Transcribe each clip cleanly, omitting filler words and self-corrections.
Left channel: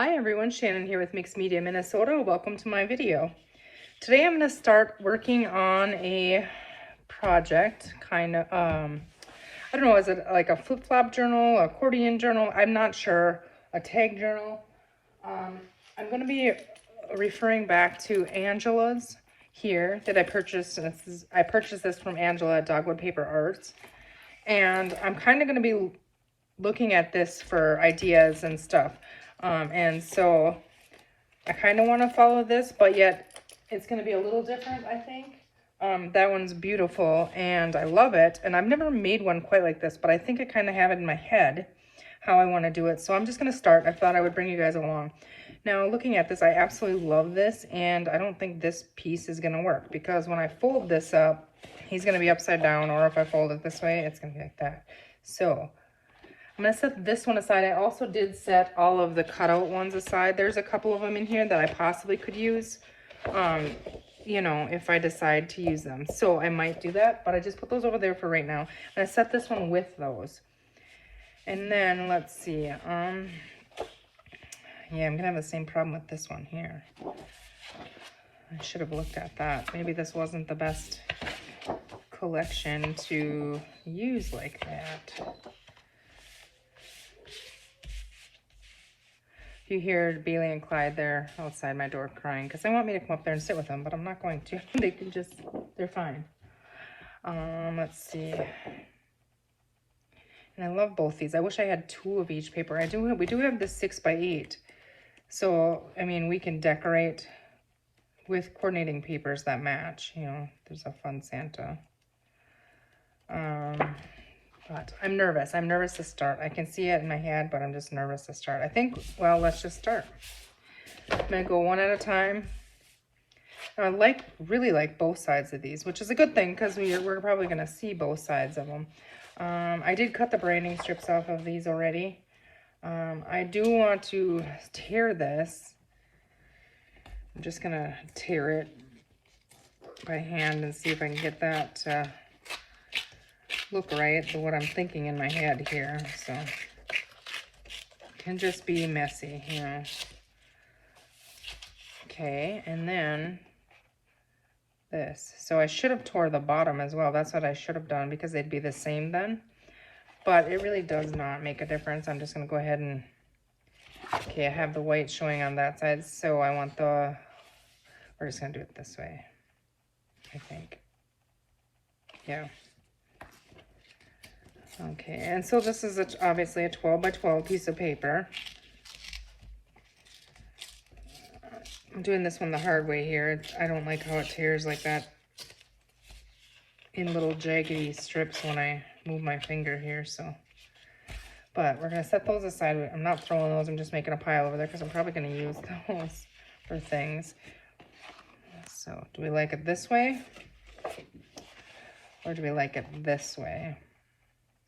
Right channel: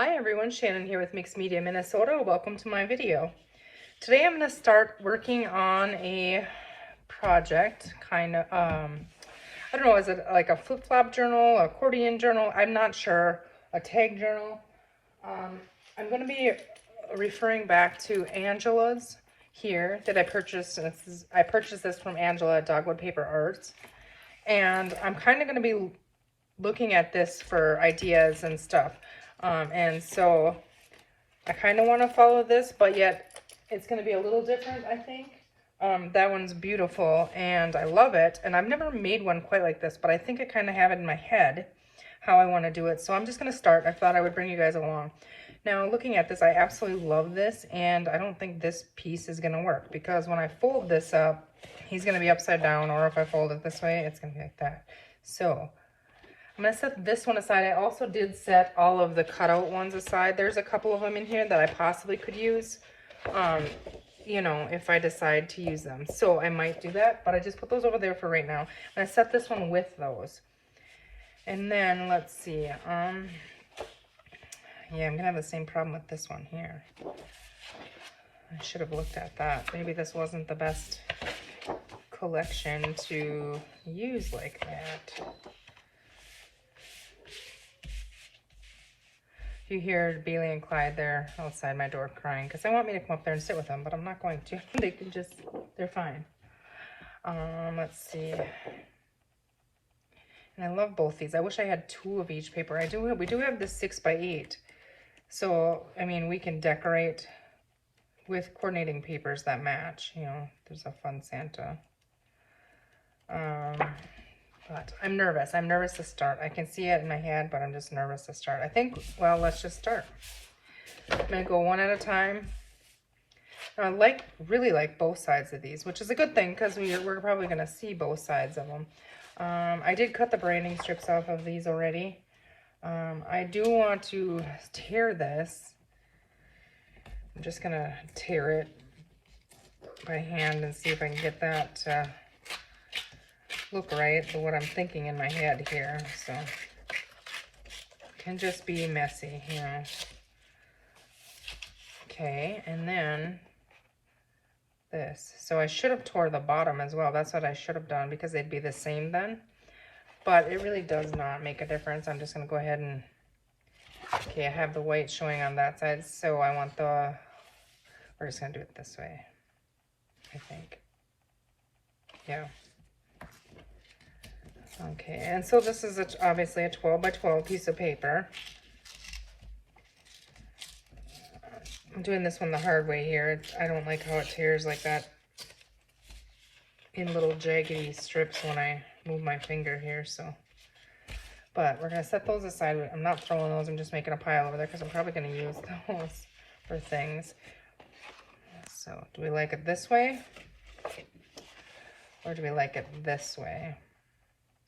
Hi everyone, Shannon here with Mixed Media Minnesota. Welcome to my video. Today I'm going to start working on a project, kind of, I don't know, is it like a flip-flop journal, accordion journal? I'm not sure, a tag journal. I'm going to be referring back to Angela's here that I purchased. And I purchased this from Angela at Dogwood Paper Arts. And I'm kind of going to be looking at this for ideas and stuff. And so I kind of want to follow this, but yet it's going to be a little different, I think. That one's beautiful and I love it. And I've never made one quite like this, but I think I kind of have it in my head how I want to do it. So I'm just going to start. I thought I would bring you guys along. Now, looking at this, I absolutely love this, and I don't think this piece is going to work because when I fold this up, he's going to be upside down, or if I fold it this way, it's going to be like that. So I'm going to set this one aside. I also did set all of the cutout ones aside. There's a couple of them in here that I possibly could use, you know, if I decide to use them. So I might do that, but I just put those over there for right now. And I set this one with those. And then, let's see. Yeah, I'm going to have the same problem with this one here. I should have looked at that. Maybe this wasn't the best collection to use like that. You hear Bailey and Clyde there outside my door crying because they want me to come up there and sit with them, but I'm not going to. They can just, they're fine. Let's see. And I love both these. I wish I had two of each paper. We do have this 6x8. So, I mean, we can decorate with coordinating papers that match. You know, there's a fun Santa. But I'm nervous. I'm nervous to start. I can see it in my head, but I'm just nervous to start. I think, well, let's just start. I'm going to go one at a time. I really like both sides of these, which is a good thing because we're probably going to see both sides of them. I did cut the branding strips off of these already. I do want to tear this. I'm just going to tear it by hand and see if I can get that to look right to what I'm thinking in my head here. So it can just be messy, you know. Okay, and then this. So I should have tore the bottom as well. That's what I should have done because they'd be the same then. But it really does not make a difference. I'm just going to go ahead and, okay, I have the white showing on that side. So I want we're just going to do it this way, I think. Yeah. Okay, and so this is obviously a 12 by 12 piece of paper. I'm doing this one the hard way here. I don't like how it tears like that in little jaggedy strips when I move my finger here, so. But we're going to set those aside. I'm not throwing those, I'm just making a pile over there because I'm probably going to use those for things. So, do we like it this way? Or do we like it this way?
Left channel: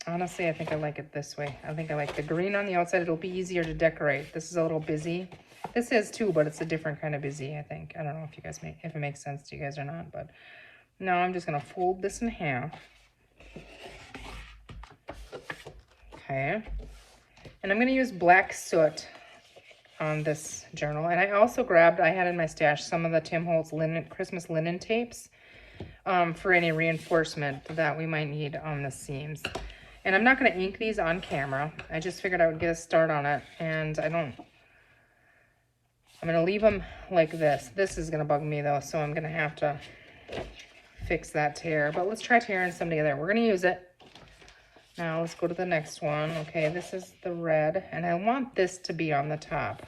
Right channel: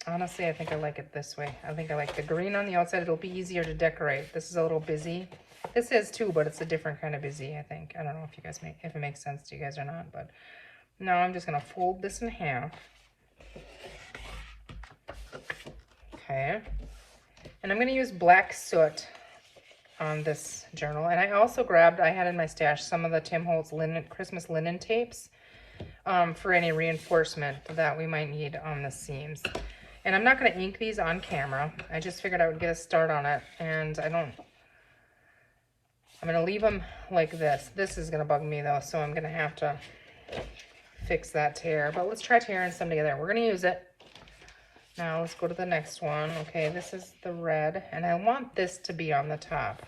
Honestly, I think I like it this way. I think I like the green on the outside. It'll be easier to decorate. This is a little busy. This is too, but it's a different kind of busy, I think. I don't know if you guys if it makes sense to you guys or not, but now I'm just going to fold this in half. Okay. And I'm going to use black soot on this journal. And I also grabbed, I had in my stash some of the Tim Holtz Christmas linen tapes for any reinforcement that we might need on the seams. And I'm not going to ink these on camera. I just figured I would get a start on it. And I'm going to leave them like this. This is going to bug me though, so I'm going to have to fix that tear. But let's try tearing some together. We're going to use it. Now let's go to the next one. Okay, this is the red. And I want this to be on the top.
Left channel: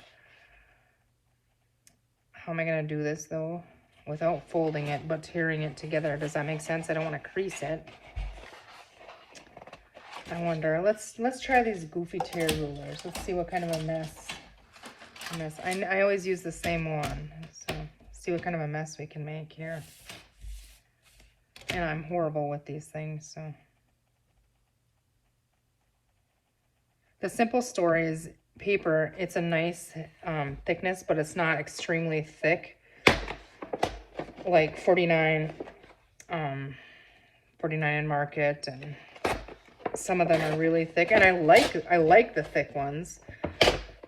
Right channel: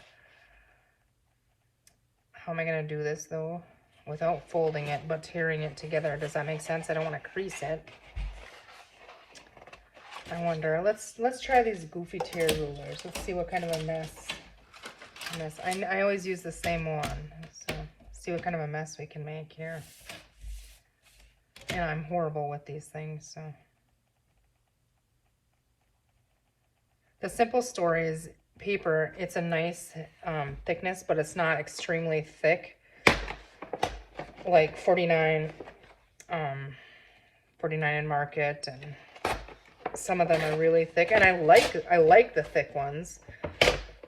How am I going to do this though? Without folding it, but tearing it together. Does that make sense? I don't want to crease it. I wonder, let's try these goofy tear rulers. Let's see what kind of a mess. I always use the same one. So see what kind of a mess we can make here. And I'm horrible with these things, so. The simple story is paper. It's a nice thickness, but it's not extremely thick. Like 49 in Market, and some of them are really thick, and I like the thick ones.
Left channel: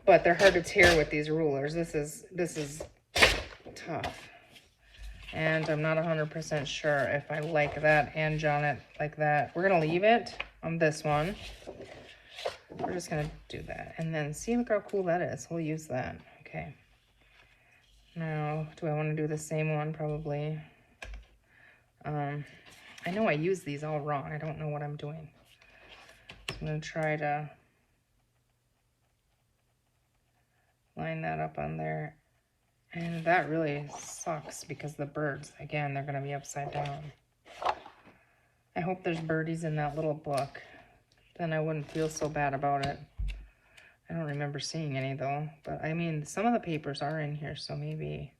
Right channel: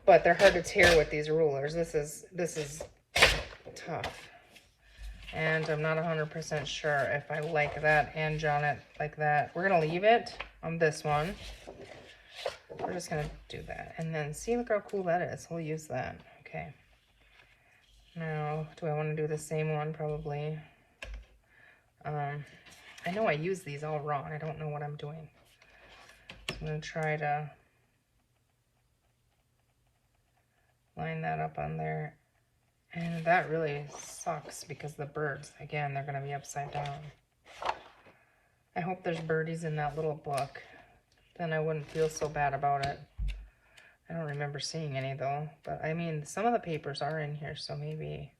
but they're hard to tear with these rulers. This is tough. And I'm not 100% sure if I like that and on it like that. We're gonna leave it on this one. We're just gonna do that. And then see look how cool that is. We'll use that. Okay. Now, do I want to do the same one? Probably. I know I use these all wrong. I don't know what I'm doing. So I'm gonna try to line that up on there. And that really sucks because the birds, again, they're going to be upside down. I hope there's birdies in that little book. Then I wouldn't feel so bad about it. I don't remember seeing any though. But I mean, some of the papers are in here, so maybe.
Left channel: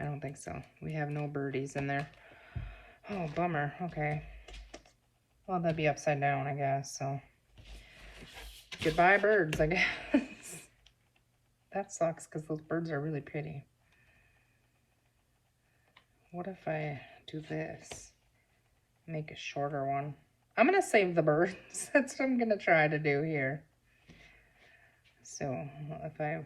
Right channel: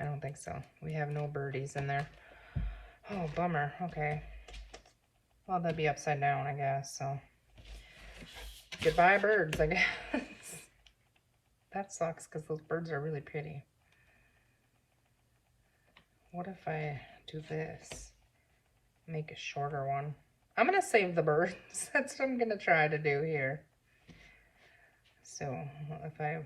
I don't think so. We have no birdies in there. Oh, bummer. Okay. Well, that'd be upside down, I guess, so. Goodbye, birds, I guess. That sucks because those birds are really pretty. What if I do this? Make a shorter one. I'm going to save the birds. That's what I'm going to try to do here. So if I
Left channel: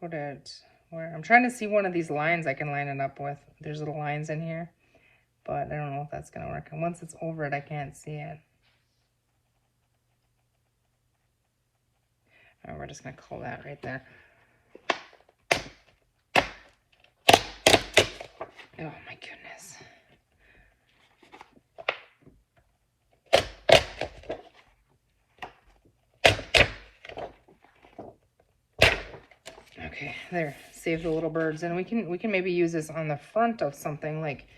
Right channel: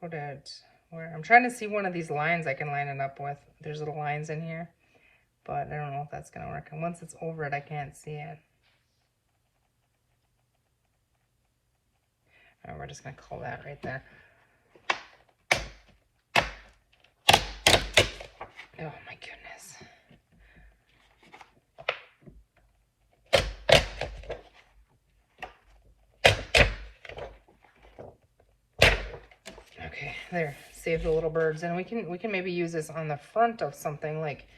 put it where I'm trying to see one of these lines I can line it up with. There's little lines in here, but I don't know if that's going to work. And once it's over it, I can't see it. And we're just going to pull that right there. Oh my goodness. Okay, there. Save the little birds. And we can maybe use this on the front of something like,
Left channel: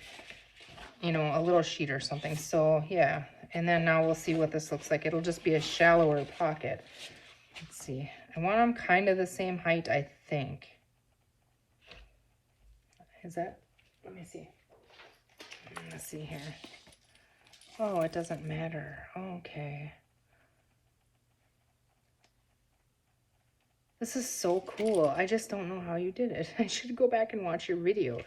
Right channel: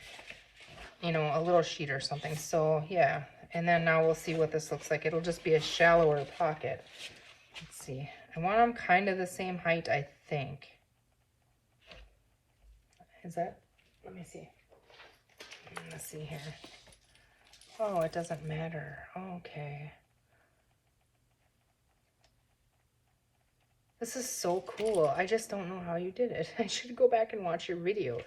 you know, a little sheet or something. So yeah. And then now we'll see what this looks like. It'll just be a shallower pocket. Let's see. I want them kind of the same height, I think. Is that? Let me see. Let's see here. Oh, it doesn't matter. Okay. This is so cool. I just don't know how you did it. I should go back and watch your videos.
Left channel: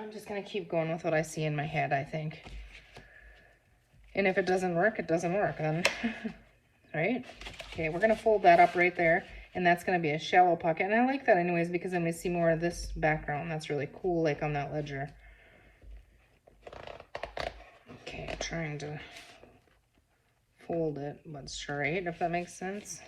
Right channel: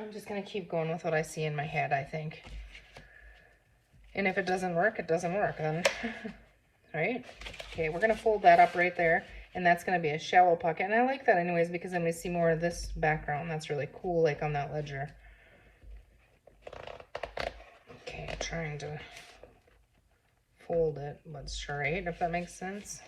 I'm just going to keep going with what I see in my head, I think. And if it doesn't work, it doesn't work. Right? Okay, we're going to fold that up right there. And that's going to be a shallow pocket. And I like that anyways because then we see more of this background. That's really cool, like on that ledger. Okay, I'm trying to fold it, but straight, if that makes sense.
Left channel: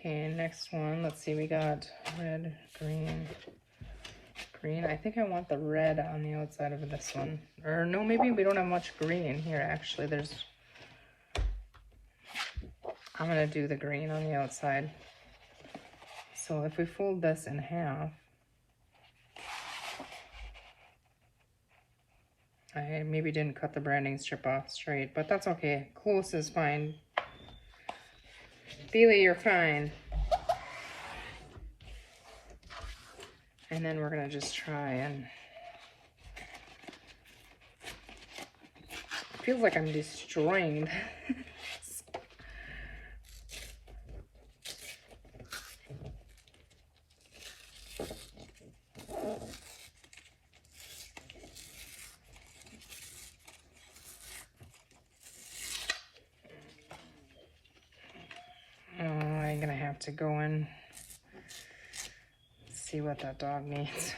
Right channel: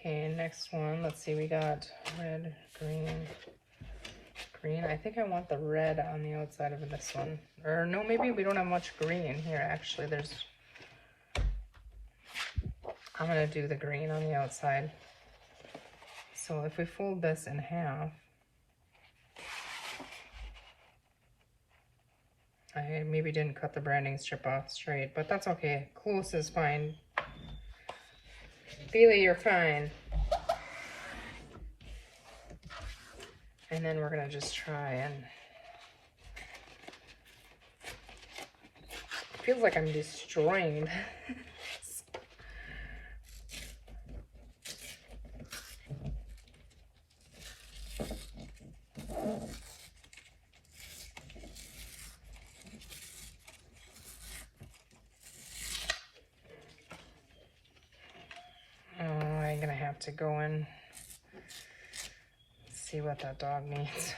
Okay, next one, let's see, we got red, green, green. I think I want the red on the outside of this one. Or no, maybe we don't have much green here, actually. I'm going to do the green on the outside. So if we fold this in half, I maybe didn't cut the branding strip off straight, but that's okay. Close is fine. Feely, you're fine. And then we're going to just try and... It feels like I'm destroying. I'm going to have to go in. See what that dog needs.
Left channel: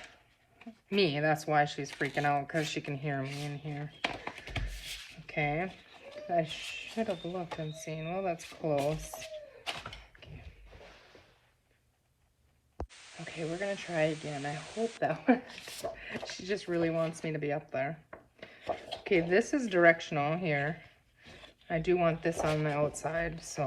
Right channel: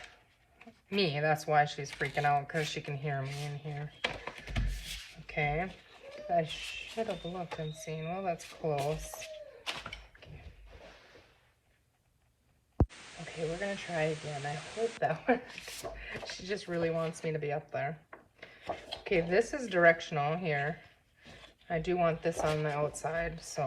Me, that's why she's freaking out, because she can hear me in here. Okay, I should have looked and seen. Oh, that's close. Okay, we're gonna try again. I hope that she just really wants me to be up there. Okay, this is directional here. I do want this on the outside, so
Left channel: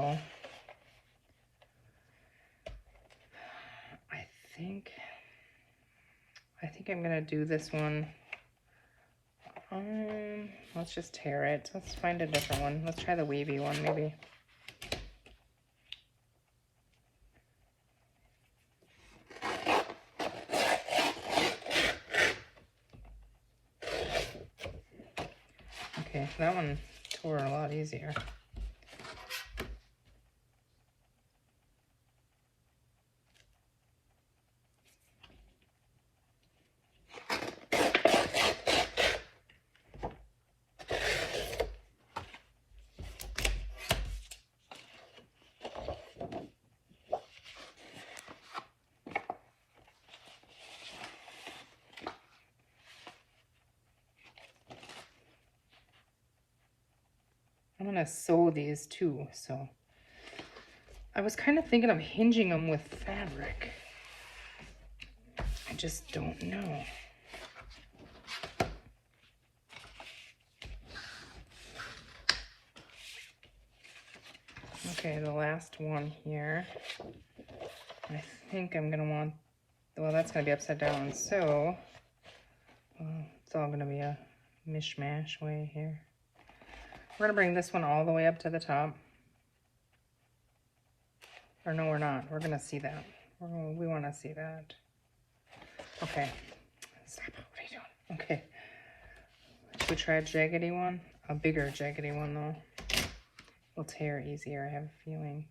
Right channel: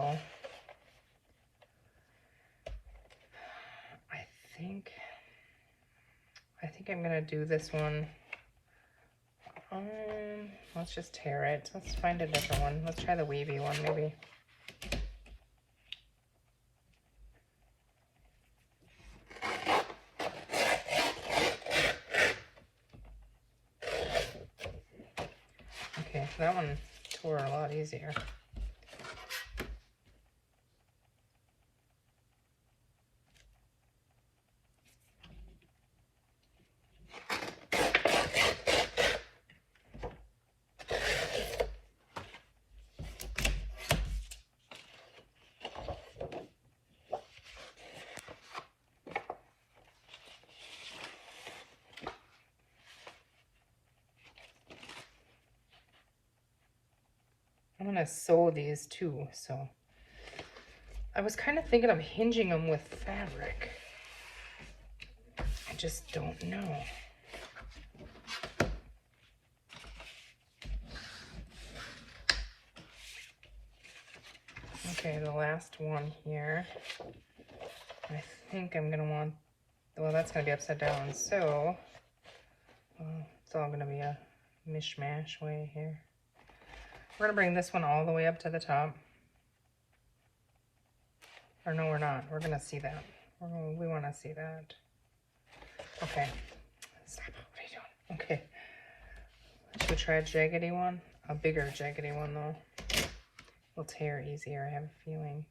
I think I'm gonna do this one. Let's just tear it. Let's find a different one. Let's try the wavy one, maybe. Okay, that one tore a lot easier. I'm gonna sew these too, so I was kind of thinking of hinging them with fabric. I just don't know. Okay, the last one here. I think I'm gonna want, well, that's gonna be upside down, so it's all gonna be a mishmash way here. We're gonna bring this one all the way up to the top. Or no, we're not. We're gonna see that. We wanna see that. Okay. Stop it. What are you doing? Okay. Should we try a jaggedy one? A bigger jaggedy one though. Will tear easier, I have a feeling.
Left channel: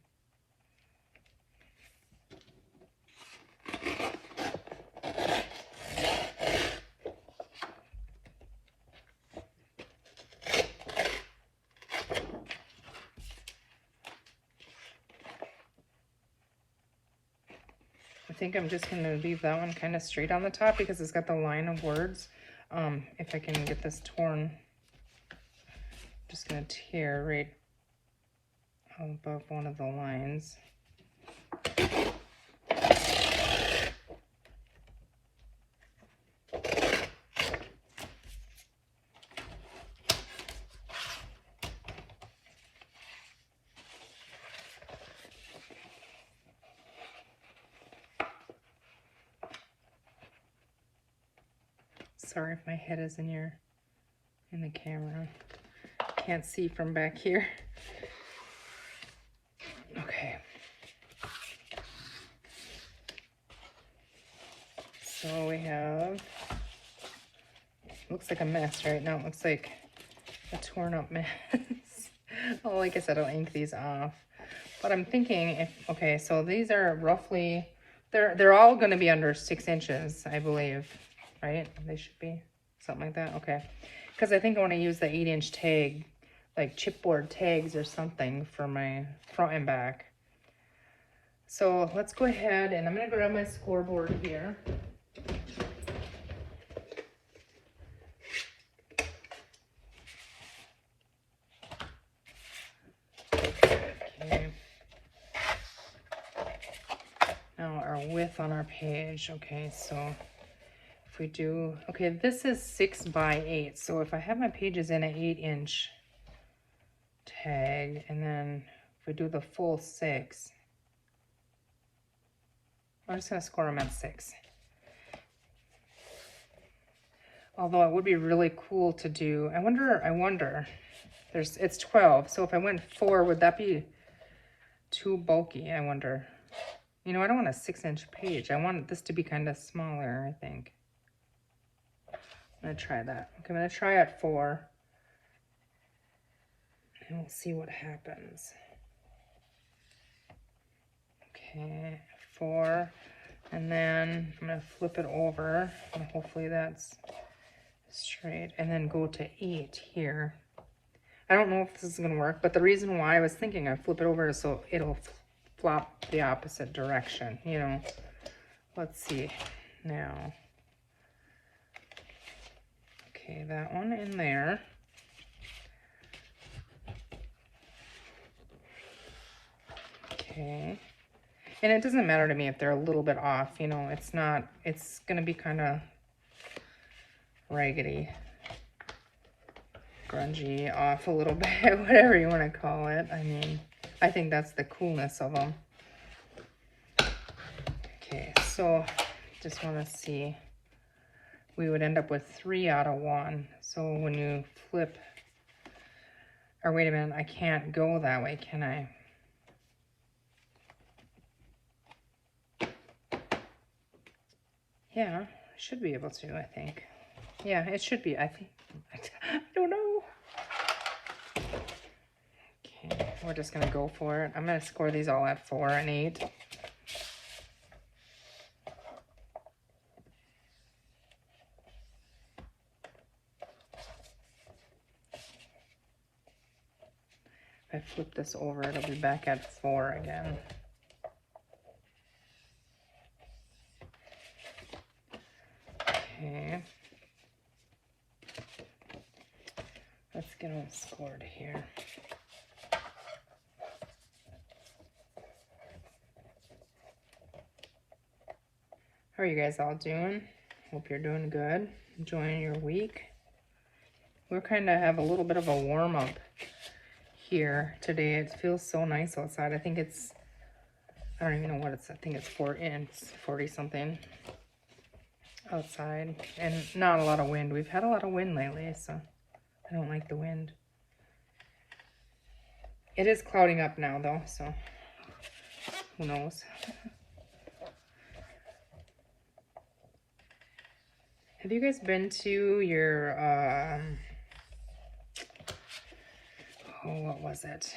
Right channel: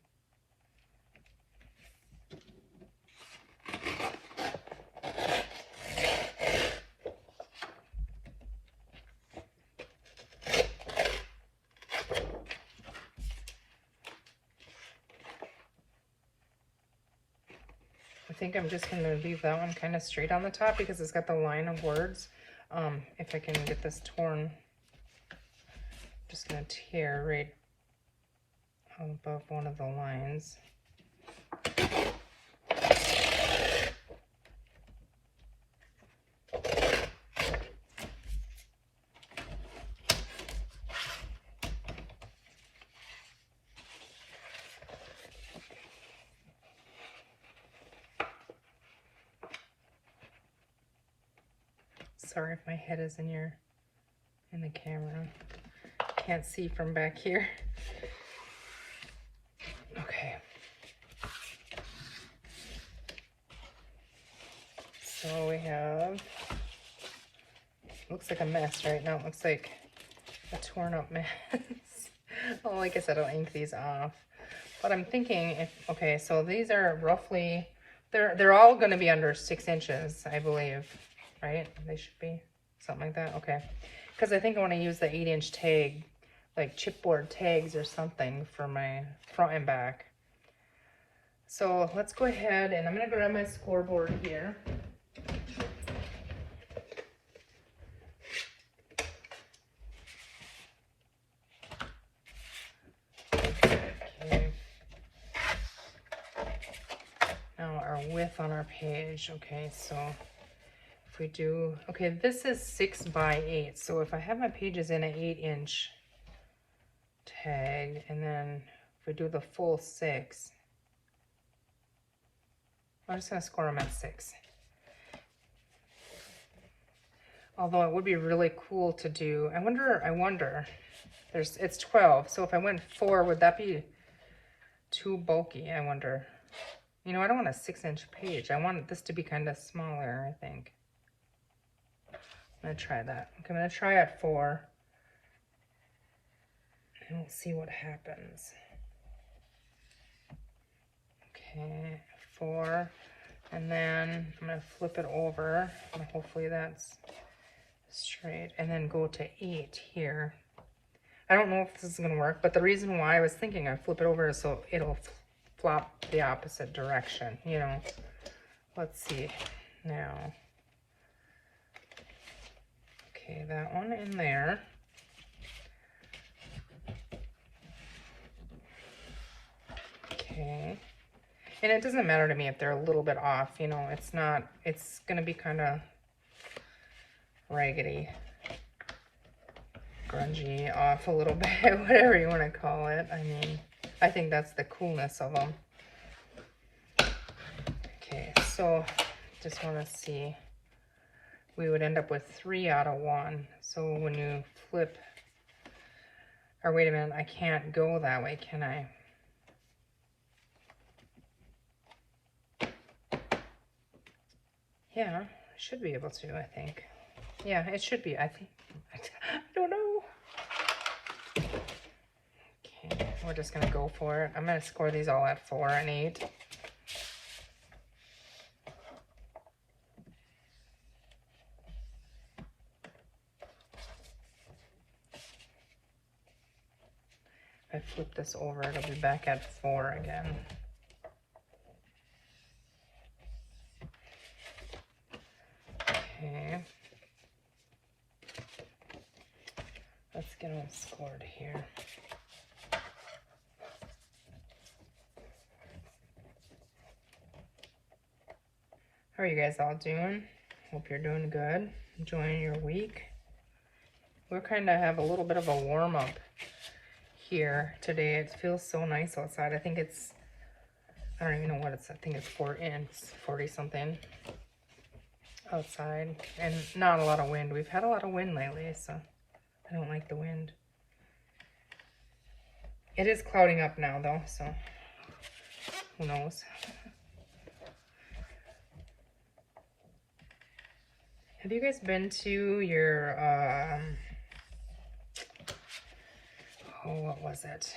I think I'm just going to leave that one kind of straight on the top because it's got the line of words. If I can get this torn, I'm just going to tear right above one of the lines. Sorry if my head is in the camera. Can't see from back here. Okay. So we have, looks like a mess right now. It looks like a torn up mess. Well, like I said, I'll ink these off. But I'm thinking, okay, so these are roughly, they're all going to be under 6 inches, I believe, right? They should be something like that. Okay, because I think I want to use the 8-inch tag, like chipboard tags or something for my front and back. So let's go ahead and I'm going to grab my scoreboard here. Now our width on our page. Okay, so if we do, okay, this is 6 by 8. So if I have my pages in an 8-inch tag, and then if we do the full 6, I'm just going to score them at 6. Although it would be really cool to do, I wonder, it's 12, so if I went 4, would that be too bulky? I wonder. You know, I don't want a 6-inch page. I want this to be kind of smaller, I think. I'm going to try that. Okay, I'm going to try at 4. And we'll see what happens. Okay, 4. And then I'm going to flip it over. And hopefully that's straight. And then go to 8 here. I don't know if this is going to work, but the reason why I was thinking I flip it over is so it'll flop the opposite direction, you know. Let's see now. Okay, that one in there. Okay. And it doesn't matter to me if they're a little bit off, you know, it's not, it's going to be kind of raggedy, grungy, off a little bit, whatever you want to call it. I mean, I think that's the coolness of them. Okay, so just want to see. We would end up with 3 out of 1. So when you flip, or wait a minute, I can't go that way, can I? Yeah, I should be able to, I think. Yeah, it should be, I think. I don't know. we're just gonna go for it. I'm gonna score these all at 4 and 8. If I flip this over, it'll be back at 4 again. Okay. Let's get it scored here. How are you guys all doing? Hope you're doing good. Enjoying your week. We're kind of have a little bit of a warm up here today. It feels so nice outside. I think it's, I don't even know what it's, I think it's 40 something outside, and not a lot of wind. We've had a lot of wind lately, so I don't like the wind. It is clouding up now though, so who knows. Have you guys been to your, what was it?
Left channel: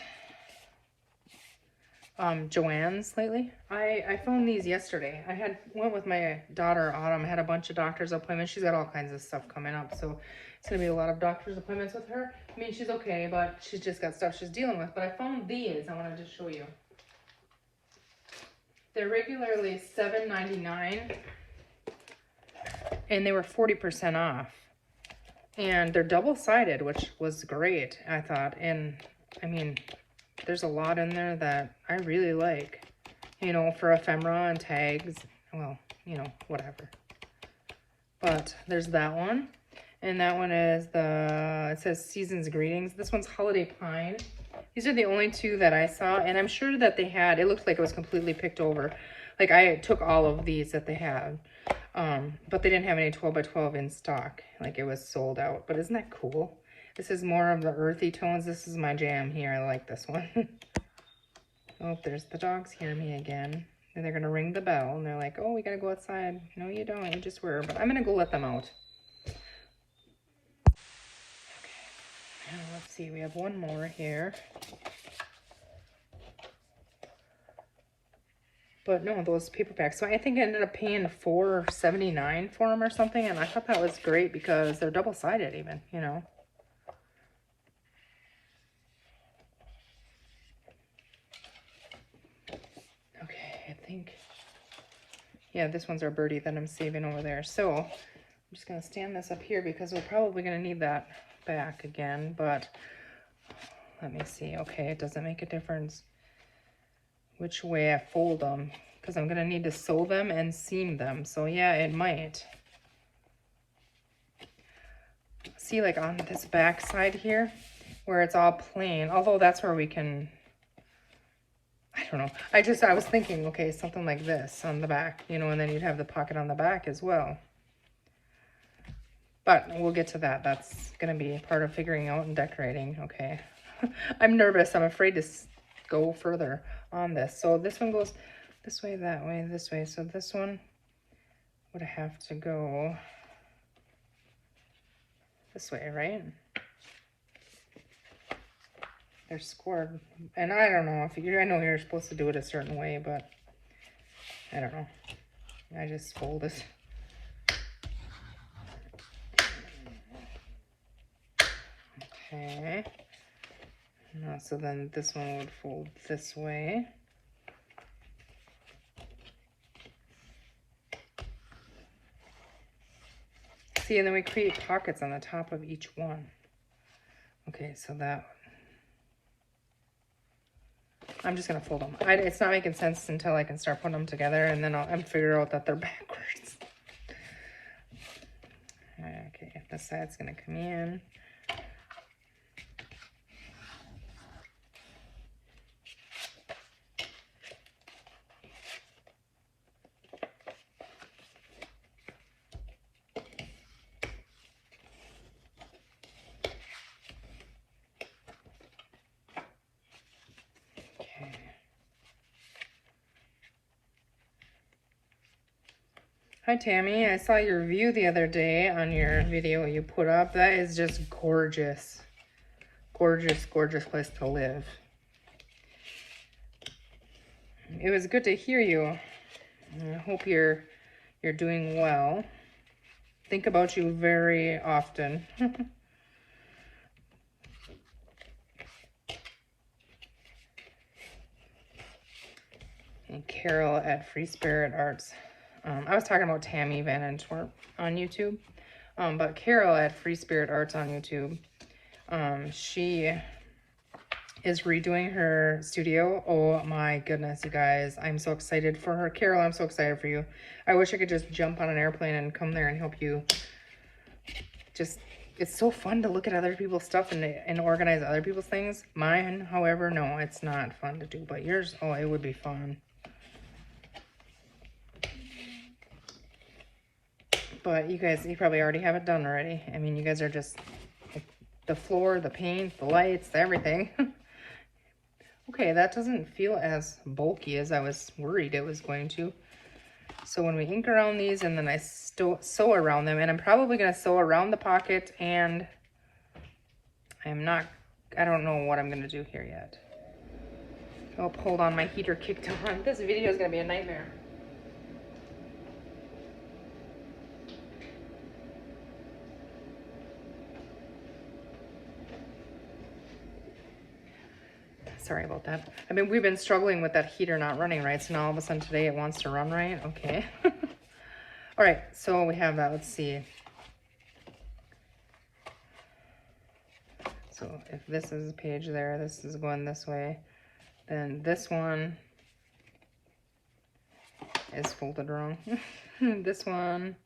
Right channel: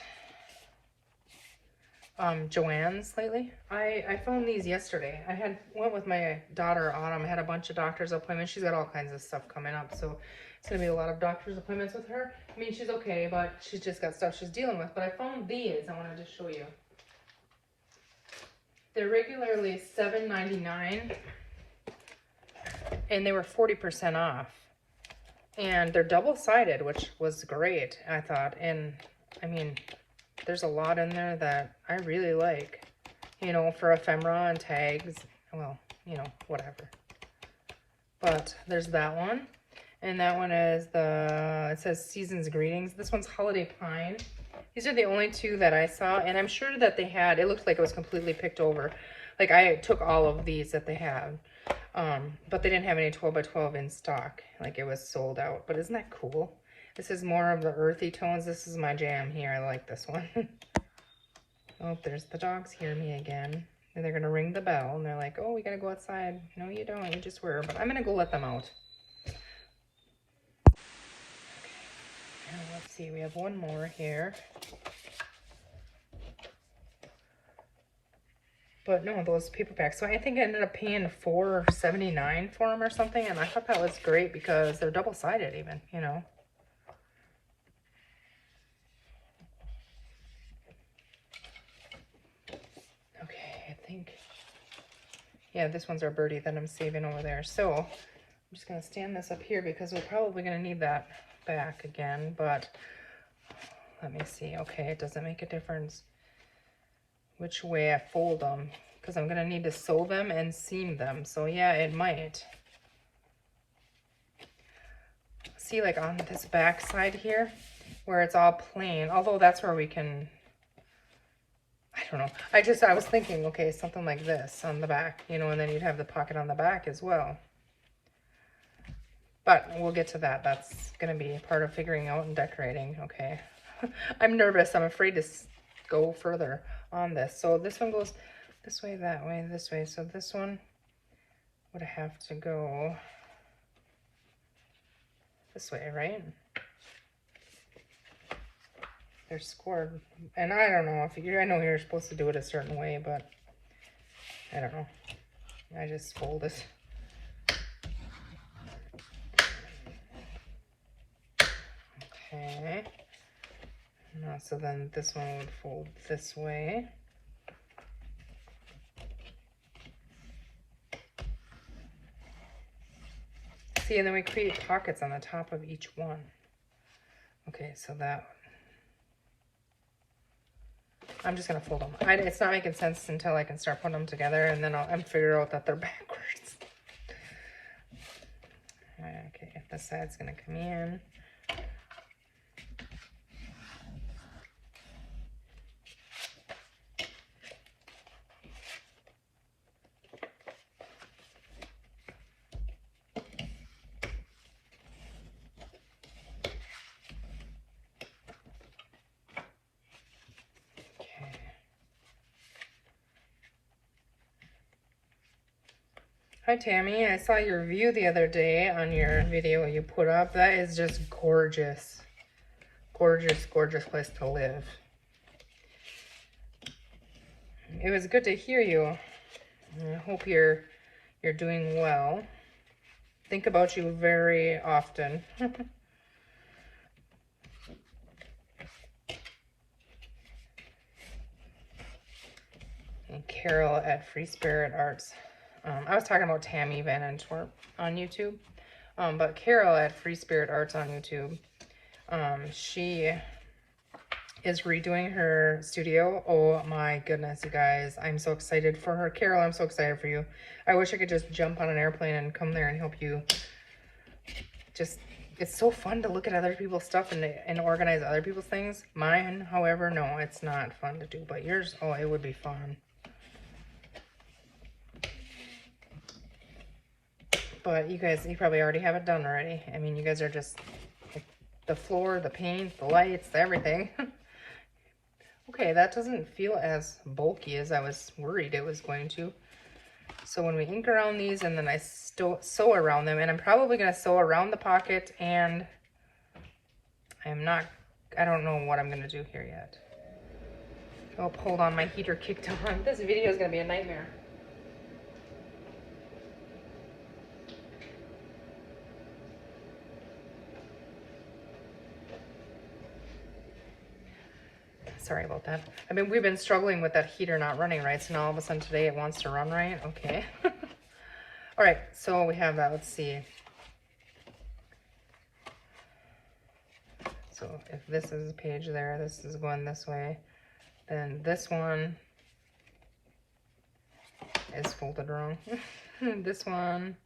Joann's lately? I found these yesterday. I went with my daughter, had a bunch of doctor's appointments. She's got all kinds of stuff coming up, so it's gonna be a lot of doctor's appointments with her. I mean, she's okay, but she's just got stuff she's dealing with. But I found these, I wanted to show you. They're regularly $7.99, and they were 40% off. And they're double-sided, which was great, I thought. And, I mean, there's a lot in there that I really like. You know, for ephemera and tags. Well, you know, whatever. But there's that one. And that one is it says Season's Greetings. This one's Holiday Pine. These are the only two that I saw. And I'm sure that they had, it looked like it was completely picked over. Like, I took all of these that they had. But they didn't have any 12 by 12 in stock. Like, it was sold out. But isn't that cool? This is more of the earthy tones. This is my jam here. I like this one. Oh, there's the dogs hearing me again. And they're going to ring the bell. And they're like, oh, we got to go outside. No, you don't. We just were. But I'm going to go let them out. And let's see. We have one more here. But no, those paper packs. So I think I ended up paying $4.79 for them or something. And I thought that was great because they're double-sided even, you know. Okay, I think, yeah, this one's our birdie that I'm saving over there. So I'm just going to stand this up here because we're probably going to need that back again. But let me see. Okay, it doesn't make a difference which way I fold them, because I'm going to need to sew them and seam them. So yeah, it might. See, like on this back side here, where it's all plain, although that's where we can, I don't know. I was thinking, okay, something like this on the back, you know, and then you'd have the pocket on the back as well. But we'll get to that. That's going to be part of figuring out and decorating. Okay. I'm nervous. I'm afraid to go further on this. So this one goes this way, that way, and this way. So this one would have to go this way, right? They're squared, and I don't know if I know you're supposed to do it a certain way, but I don't know. I just fold it. Okay. Now, so then this one would fold this way. See, and then we create pockets on the top of each one. Okay, so that, I'm just going to fold them. It's not making sense until I can start putting them together, and then I'll figure out that they're backwards. Okay, this side's going to come in. Hi Tammy, I saw your review the other day on your video you put up. That is just gorgeous. Gorgeous, gorgeous place to live. It was good to hear you. I hope you're doing well. Think about you very often. And Carol at Free Spirit Arts. I was talking about Tammy Van on YouTube, but Carol at Free Spirit Arts on YouTube, she is redoing her studio. Oh my goodness, you guys. I'm so excited for her. Carol, I'm so excited for you. I wish I could just jump on an airplane and come there and help you. Just, it's so fun to look at other people's stuff and organize other people's things. Mine, however, no, it's not fun to do. But yours, oh, it would be fun. But you guys, you probably already have it done already. I mean, you guys are just, the floor, the paint, the lights, everything. Okay, that doesn't feel as bulky as I was worried it was going to. So when we ink around these and then I sew around them, and I'm probably going to sew around the pocket, and I don't know what I'm going to do here yet. Oh, hold on, my heater kicked on. This video is going to be a nightmare. Sorry about that. I mean, we've been struggling with that heater not running right, so now all of a sudden today it wants to run right. Okay. All right, so we have that. Let's see. So if this is a page there, this is going this way, then this one is folded wrong. This one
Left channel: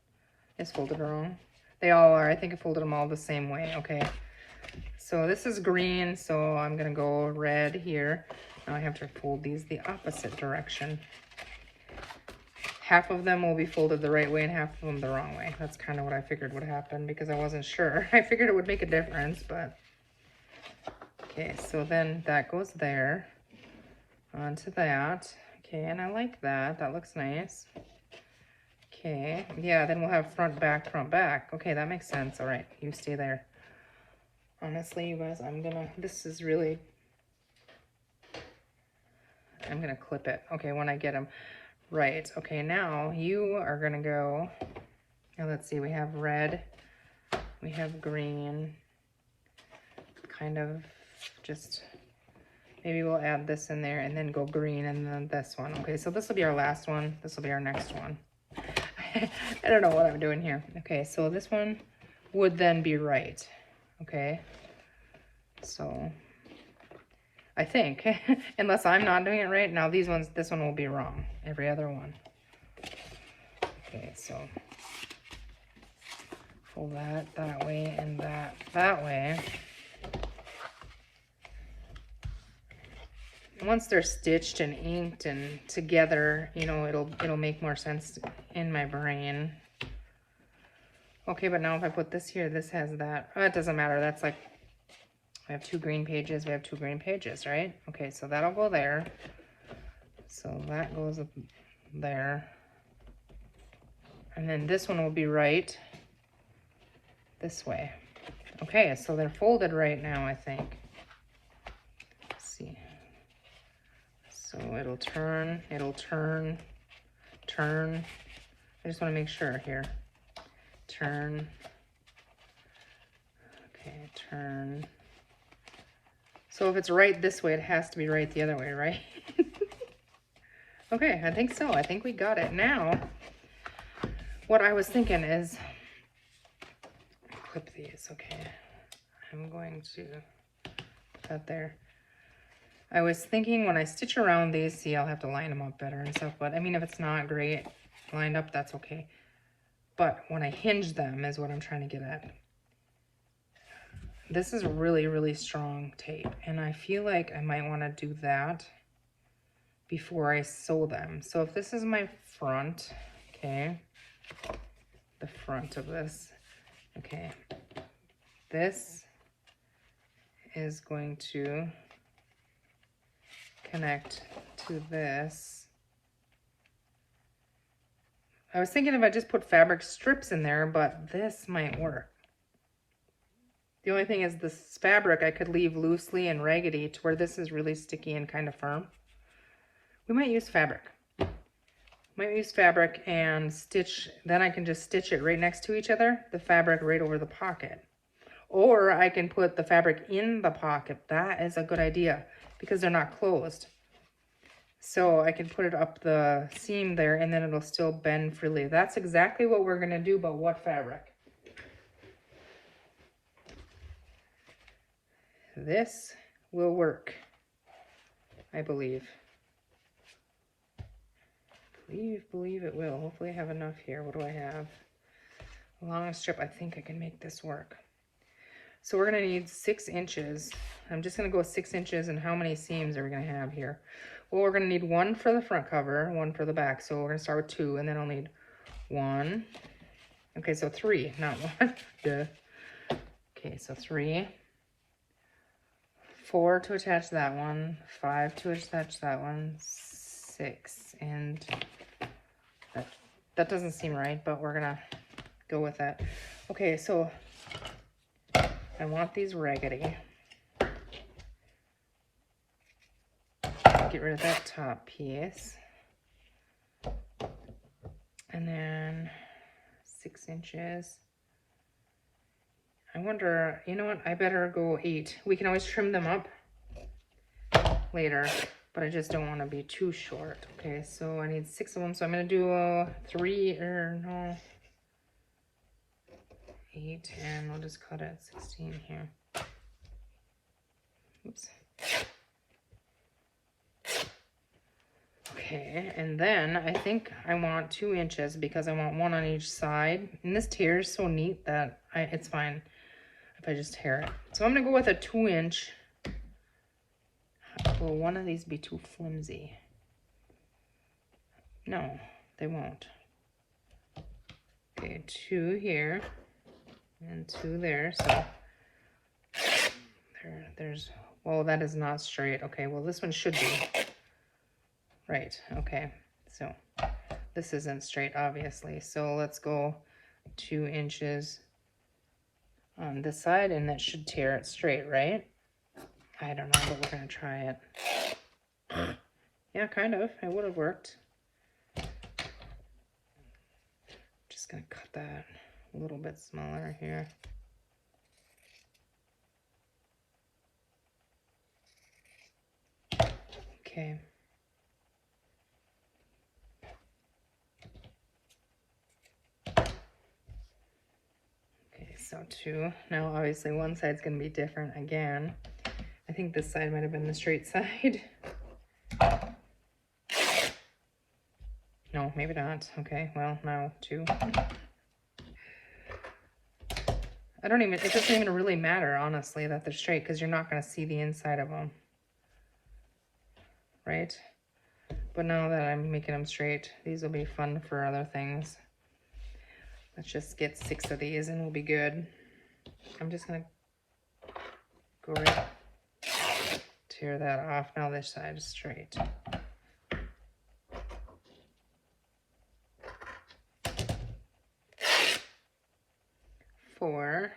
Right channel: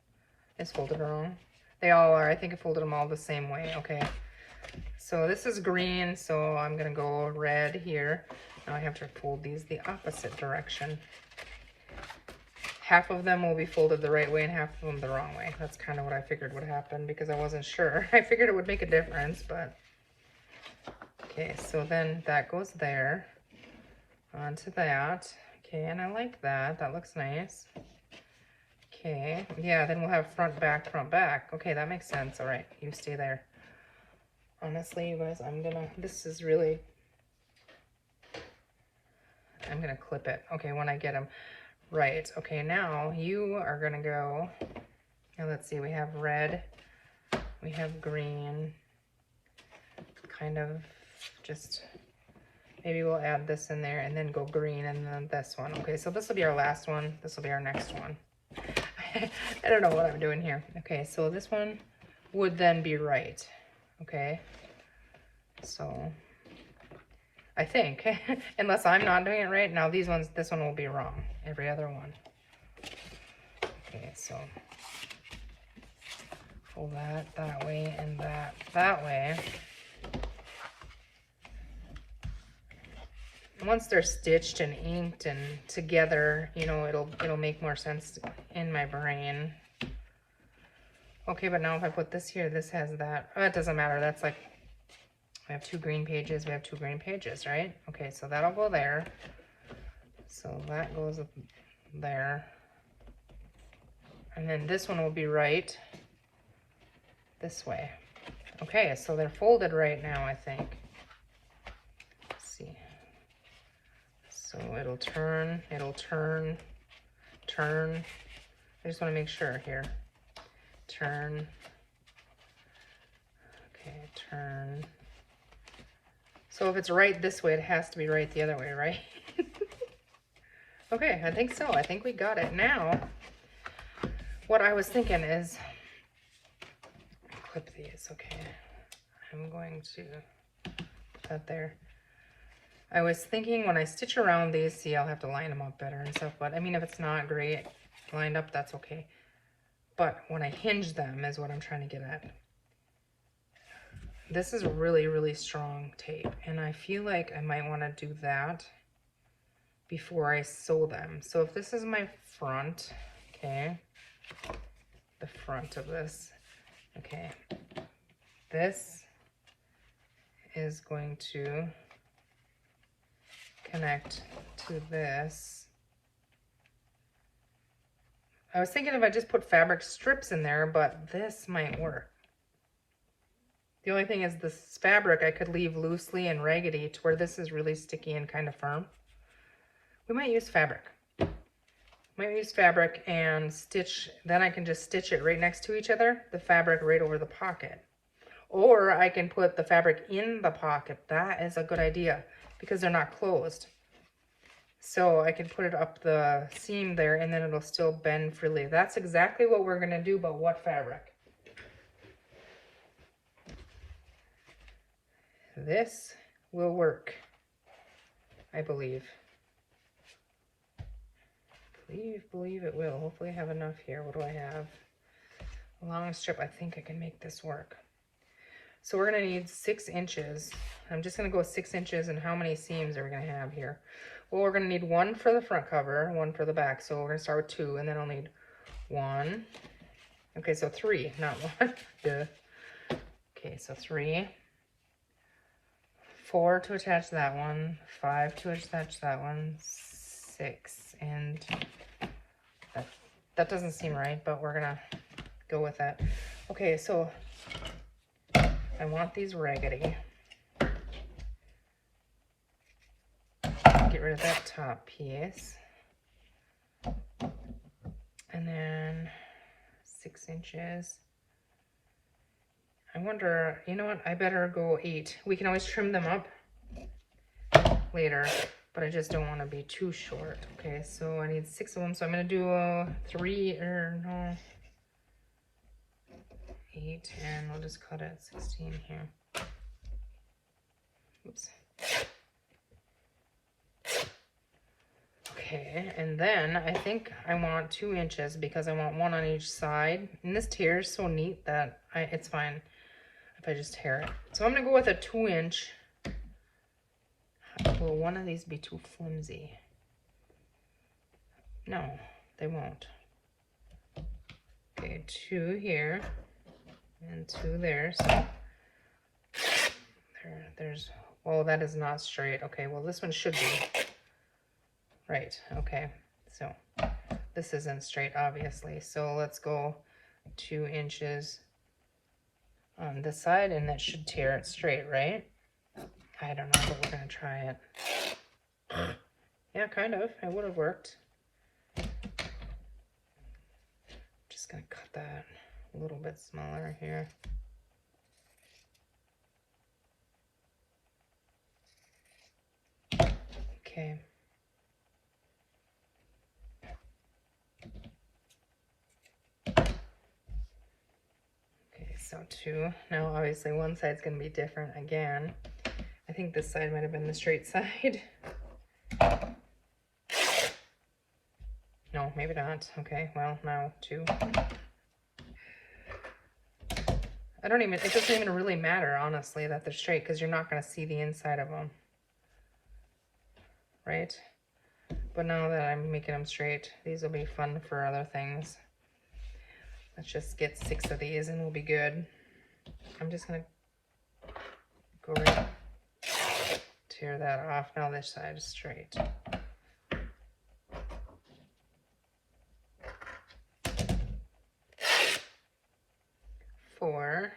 is folded wrong. They all are. I think I folded them all the same way. Okay. So this is green, so I'm going to go red here. Now I have to fold these the opposite direction. Half of them will be folded the right way and half of them the wrong way. That's kind of what I figured would happen because I wasn't sure. I figured it would make a difference, but... Okay, so then that goes there. Onto that. Okay, and I like that. That looks nice. Okay, yeah, then we'll have front, back, front, back. Okay, that makes sense. All right, you stay there. Honestly, you guys, I'm gonna clip it. Okay, when I get them right. Okay, now you are gonna go, and let's see, we have red, we have green, kind of just, maybe we'll add this in there and then go green and then this one. Okay, so this will be our last one. This will be our next one. I don't know what I'm doing here. Okay, so this one would then be right. Okay, so I think, unless I'm not doing it right, now this one will be wrong, every other one. Okay, so fold that way and that way. Once they're stitched and inked and together, you know, it'll make more sense in my brain. Okay, but now if I put this here, this has that. Oh, it doesn't matter. That's like, we have two green pages. We have two green pages, right? Okay, so that'll go there. So that goes up there. And then this one will be right this way. Okay, so they're folded right now, I think. Let's see. So it'll turn. I just want to make sure here. Turn. Okay, turn. So if it's right this way, it has to be right the other way, right? Okay, I think so. I think we got it. Now, what I was thinking is, clip these, okay. I'm going to put that there. I was thinking when I stitch around these, see, I'll have to line them up better and stuff, but I mean, if it's not great lined up, that's okay. But when I hinge them is what I'm trying to get at. This is really, really strong tape, and I feel like I might want to do that before I sew them. So if this is my front, okay, the front of this, okay, this is going to connect to this. I was thinking if I just put fabric strips in there, but this might work. The only thing is this fabric I could leave loosely and raggedy to where this is really sticky and kind of firm. We might use fabric. Might use fabric and stitch, then I can just stitch it right next to each other, the fabric right over the pocket. Or I can put the fabric in the pocket. That is a good idea because they're not closed. So I can put it up the seam there and then it'll still bend freely. That's exactly what we're gonna do, but what fabric? This will work, I believe. Believe it will. Hopefully I have enough here. What do I have? A long strip. I think I can make this work. So we're going to need 6 inches. I'm just going to go 6 inches, and how many seams are we going to have here? Well, we're going to need 1 for the front cover, 1 for the back. So we're going to start with 2, and then I'll need 1. Okay, so 3, not 1. Okay, so 3. 4 to attach that one. 5 to attach that one. 6, and that doesn't seem right, but we're gonna go with that. Okay, so I want these raggedy. Get rid of that top piece, and then 6 inches. I wonder, you know what, I better go 8. We can always trim them up later, but I just don't want to be too short. Okay, so I need 6 of them, so I'm going to do 8, and we'll just cut it 16 here. Oops. Okay, and then I think I want 2 inches because I want 1 on each side. And this tear is so neat that it's fine if I just tear it. So I'm going to go with a 2 inch. Will one of these be too flimsy? No, they won't. Okay, 2 here and 2 there. So there's, oh, that is not straight. Okay, well, this one should be. Right, okay. So this isn't straight, obviously. So let's go 2 inches on this side, and that should tear it straight, right? I don't know, but we're going to try it. Yeah, kind of. It would have worked. Just going to cut that a little bit smaller here. Okay. Okay, so 2. Now, obviously, one side's going to be different again. I think this side might have been the straight side. No, maybe not. Okay, well, now 2. I don't even, it doesn't even really matter, honestly, that they're straight, because you're not going to see the inside of them. Right? But now that I'm making them straight, these will be fun for other things. Let's just get 6 of these and we'll be good. I'm just going to go right, tear that off. Now this side is straight. Four.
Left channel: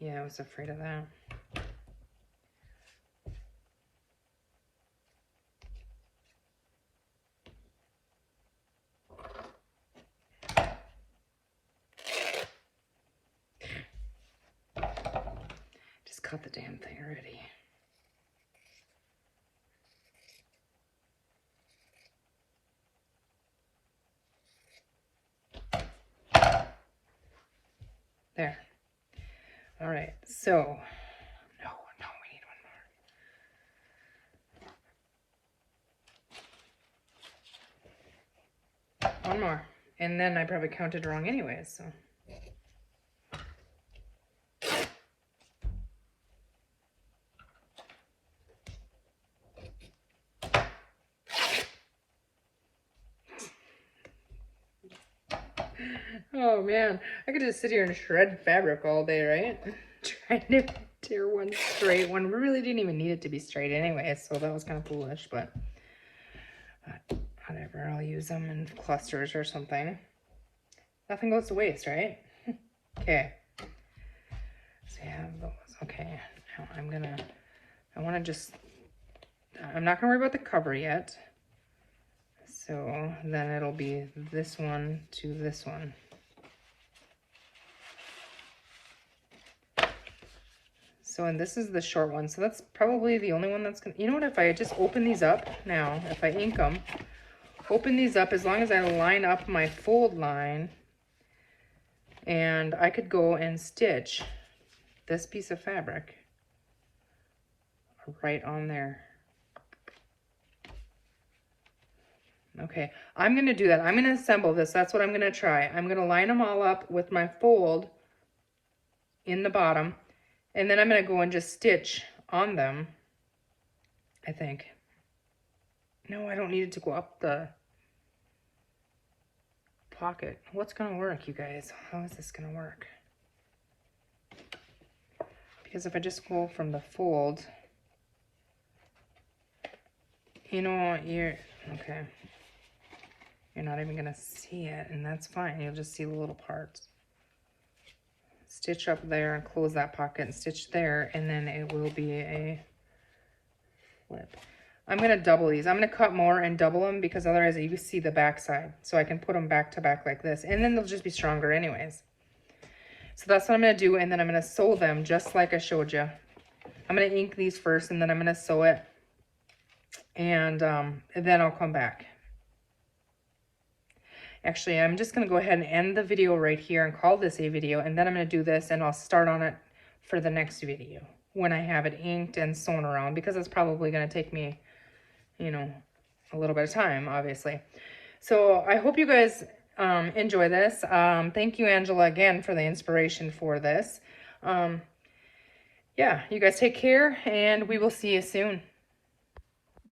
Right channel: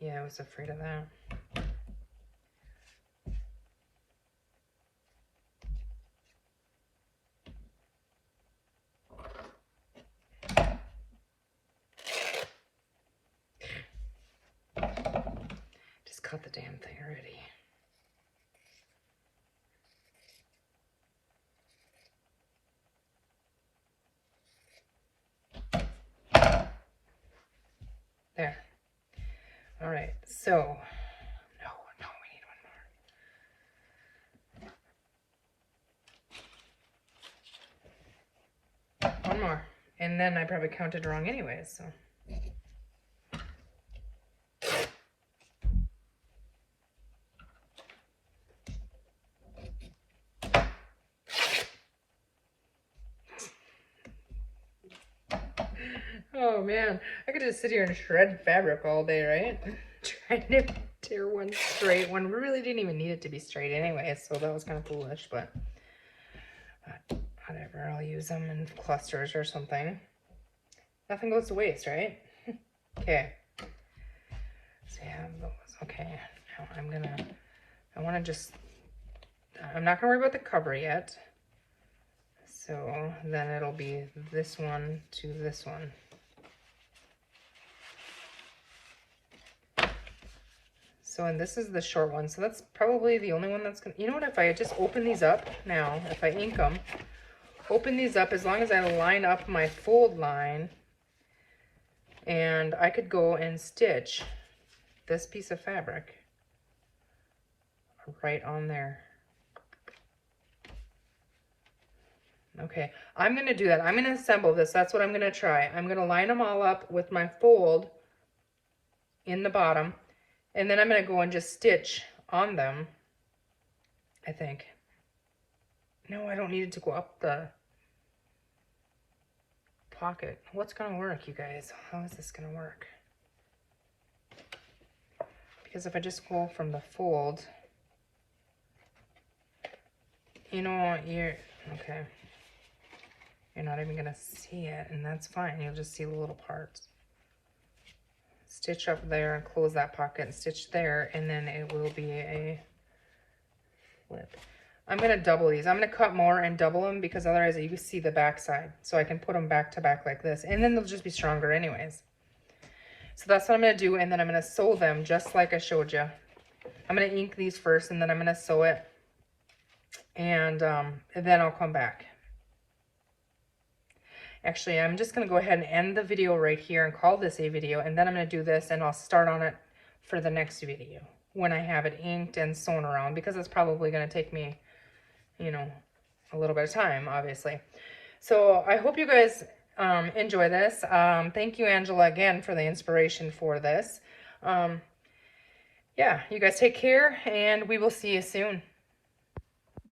Yeah, I was afraid of that. Just cut the damn thing already. There. All right, so, no, we need one more. And then I probably counted wrong anyway, so. Oh man, I could just sit here and shred fabric all day, right? Trying to tear one straight. One really didn't even need it to be straight anyway, so that was kind of foolish, but whatever, I'll use them in clusters or something. Nothing goes to waste, right? Okay. So yeah, okay, I want to just I'm not gonna worry about the cover yet. So then it'll be this one to this one. So, and this is the short one. So that's probably the only one that's gonna, you know what, if I just open these up now, if I ink them, open these up, as long as I line up my fold line, and I could go and stitch this piece of fabric right on there. Okay, I'm gonna do that. I'm gonna assemble this. That's what I'm gonna try. I'm gonna line them all up with my fold in the bottom, and then I'm gonna go and just stitch on them, I think. No, I don't need it to go up the pocket. What's gonna work, you guys? How is this gonna work? Because if I just go from the fold, you know what, okay. You're not even gonna see it, and that's fine. You'll just see the little parts. Stitch up there and close that pocket, and stitch there, and then it will be a flip. I'm gonna double these. I'm gonna cut more and double them, because otherwise you see the back side. So I can put them back to back like this, and then they'll just be stronger anyways. So that's what I'm gonna do, and then I'm gonna sew them just like I showed you. I'm gonna ink these first, and then I'm gonna sew it, and then I'll come back. Actually, I'm just going to go ahead and end the video right here and call this a video, and then I'm going to do this, and I'll start on it for the next video when I have it inked and sewn around, because it's probably going to take me, you know, a little bit of time, obviously. So I hope you guys enjoy this. Thank you, Angela, again, for the inspiration for this. Yeah, you guys take care, and we will see you soon.